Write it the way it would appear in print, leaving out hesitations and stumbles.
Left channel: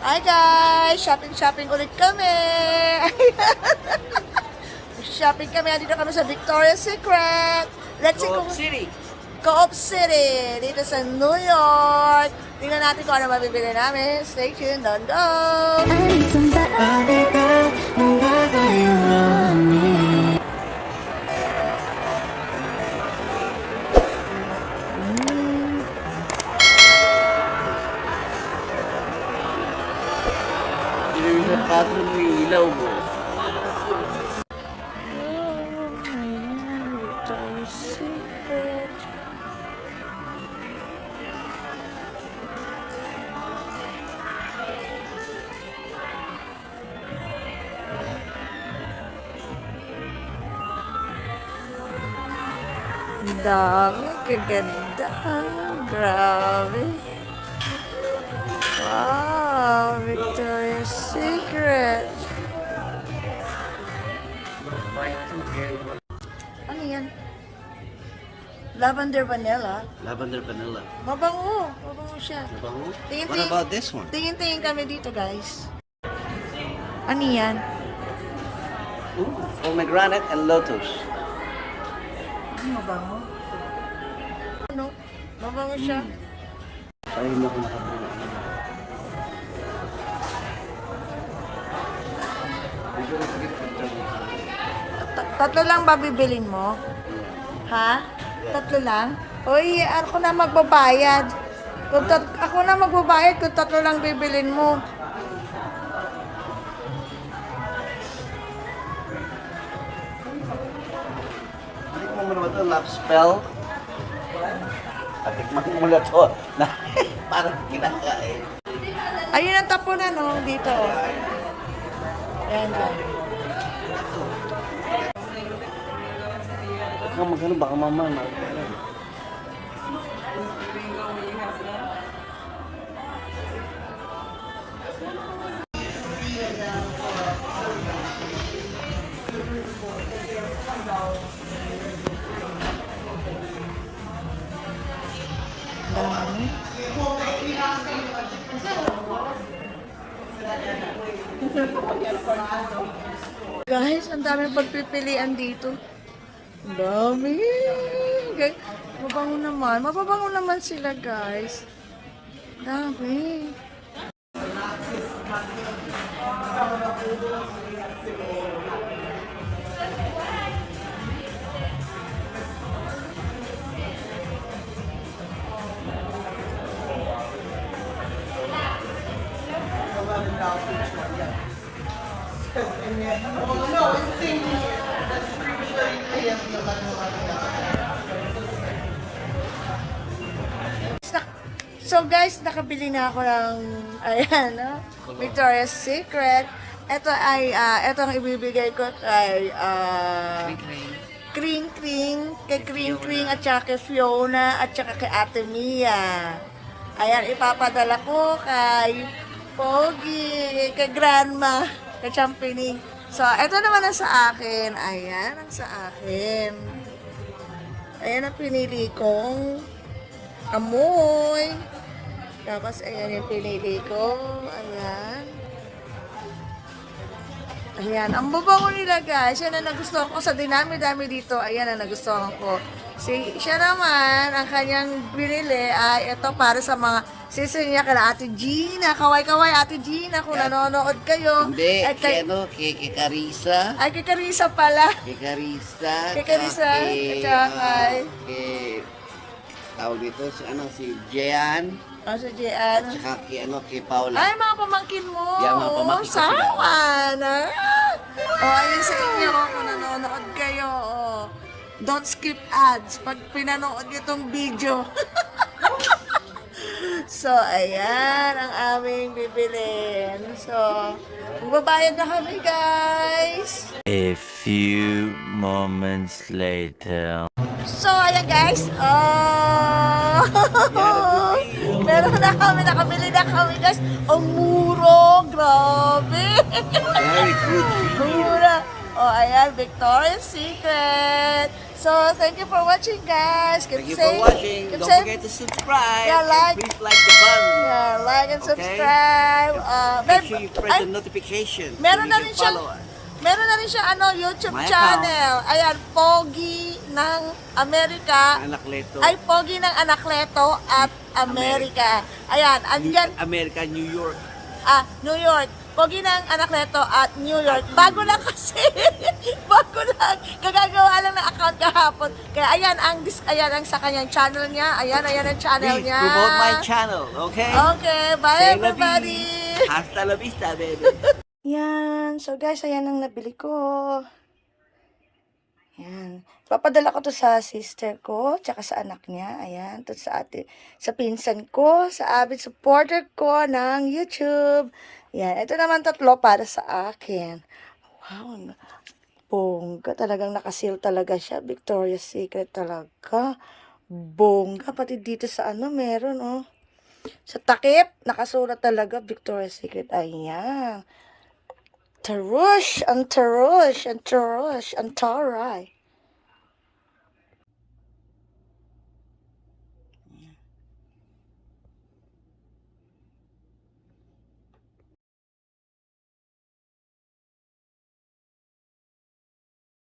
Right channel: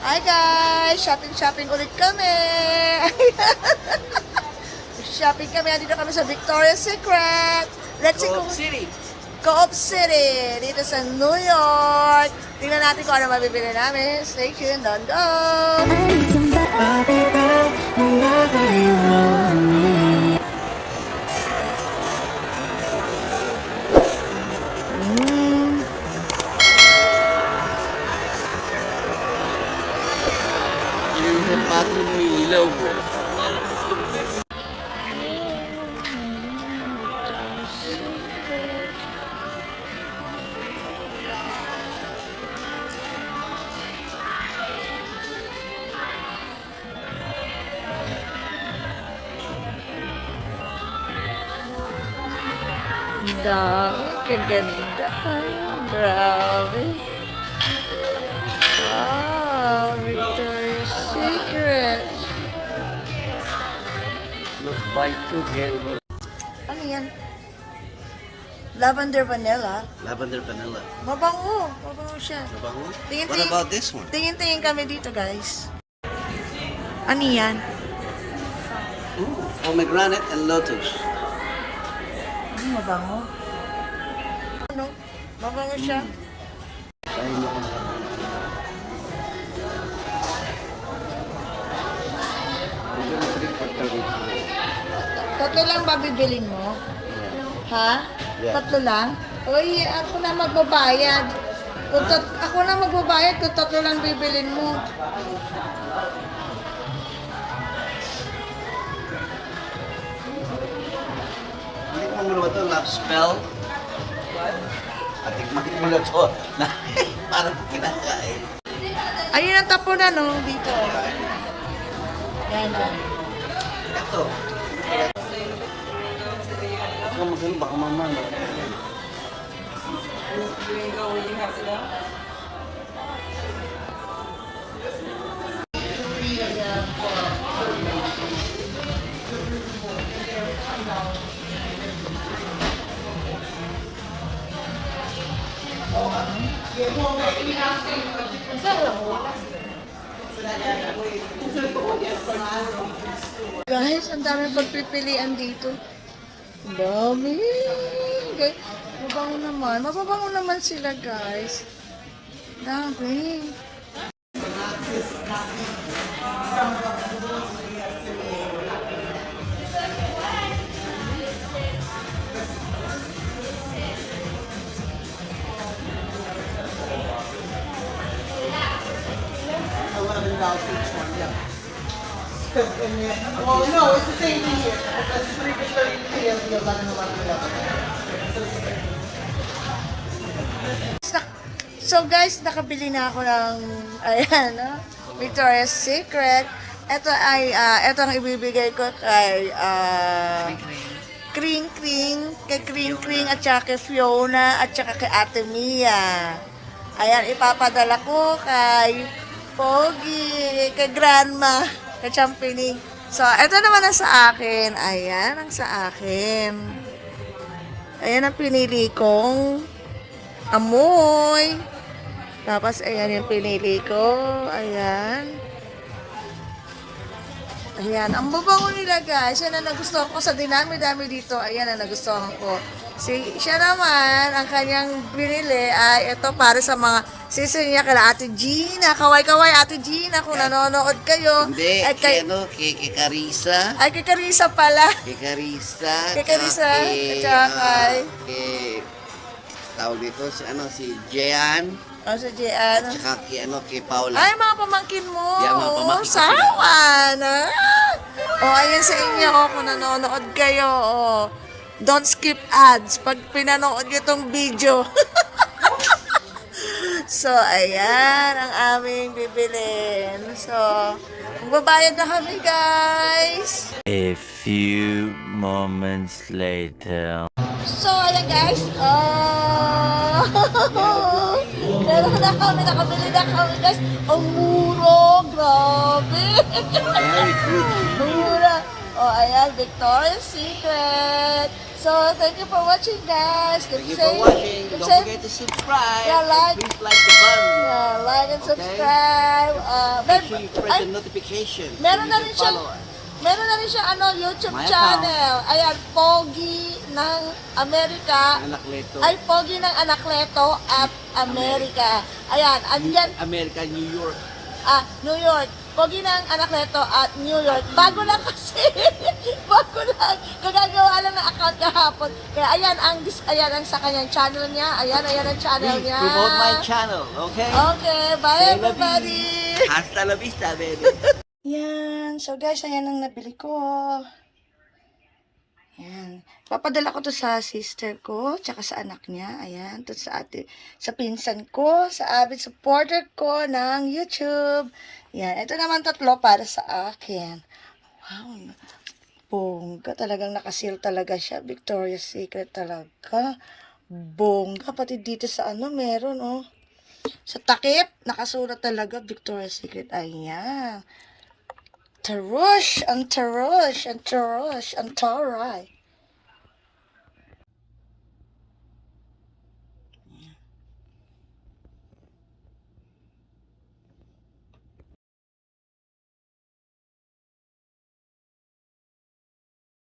Hi guys! Shopping ulit kami! Shopping kami. Dito kami sa Victoria's Secret. Let's see kung... Co-op City. Dito sa New York. Tingnan natin kung ano mabibili namin. Stay tuned. Don't go! Yung patron mo yung ilaw mo. Dami, kaganda. Grabe. Wow, Victoria's Secret. Ano yan? Lavender vanilla. Lavender vanilla. Mabango. Mabango siya. Nabango? What Tingin-tingin. about this one? Tingin-tingin kami dito, guys. Ano yan? Ooh, pomegranate and lotus. Mabango. Ano? Mabango siya. Ay, no. Tatlo lang ba bibilin mo? Ha? Tatlo lang? Uy, ako na magbabayad. Ako na magbabayad kung tatlo lang bibilin mo. Hindi mo muna ba ito? Love spell? Patikman mo muna ito. Parang kinakain. Ayun ang tapunan, no? Dito. Yan, dyan. Ito. Ito na magano, baka mamaya. Guys, ang daming pagpipilian dito. Ang dami. Okay. Mabango naman. Mababango naman sila, guys. Dami. Oh no, it's the same thing here. So guys, nakabili na ako ng ayan, no? Victoria's Secret. Ito ay ito ang ibibigay ko kay Kring Kring, kay Kring Kring at saka kay Fiona at saka kay Ate Mia. Ayan, ipapadala ko kay Pogi, kay Grandma, kay Champining. So, ito naman ang sa akin. Ayan ang sa akin. Ayan ang pinili kong amoy. Tapos, ayan yung pinili ko. Ayan. Ayan. Ang babango nila, guys. Yan ang nagustuhan ko sa dinami-dami dito. Ayan ang nagustuhan ko. Siya naman, ang kanyang binili ay ito para sa mga sister niya kala Ate Gina. Kaway-kaway Ate Gina kung nanonood kayo. Hindi, At kay Carissa. ay, kay Carissa pala. Kay Carissa. Kay Carissa, at saka kay- tawag dito, si Jean. O, sa Gian. At saka kay Paula. Ay, mga pamangkin mo. Yan, mga pamangkin ko sila. Sawa na. O, ayan sa inyo kung nanonood kayo. O, don't skip ads pag pinanood nyo itong video. So, ayan ang aming bibilin. So, magbabayad na kami, guys. A few moments later. So, ayan guys. Oh! Meron na kami, nakabili na kami guys. Ang muro, grabe. Very good. Mura. Oh, ayan, Victoria's Secret. So, thank you for watching, guys. Thank you for watching. Don't forget to subscribe. Yeah, like. And please like the button. Yeah, like and Okay. subscribe. Make sure you press ay, the notification. meron so na you rin can siya. follow us. Meron na rin siya YouTube My channel. Ayan, Pogi ng Amerika. Anakleto. Ay, Pogi ng Anakleto at Amerika. Ayan, andyan, America, New York. New York. Pogi ng Anakleto at New York. Bago lang kasi. Bago lang. Kagagawa lang ng account kahapon. Kaya ayan ang sa kanyang channel niya. Ayan ang channel Please niya. promote my channel, okay? Okay, bye Say la everybody. vie. Hasta la vista, baby. Yan. So guys, ayan ang nabili ko. Yan. Papadala ko to sa sister ko, tsaka sa anak niya. Ayan. To sa sa pinsan ko, sa avid supporter ko ng YouTube. Yan. Ito naman 3 para sa akin. Wow. Bongga. Talagang nakasil talaga siya. Victoria's Secret talaga. Bongga. Pati dito sa meron, oh. Sa takip, nakasulat talaga Victoria's Secret. Ayan. Tarush, ang tarush, ang tarush, ang taray.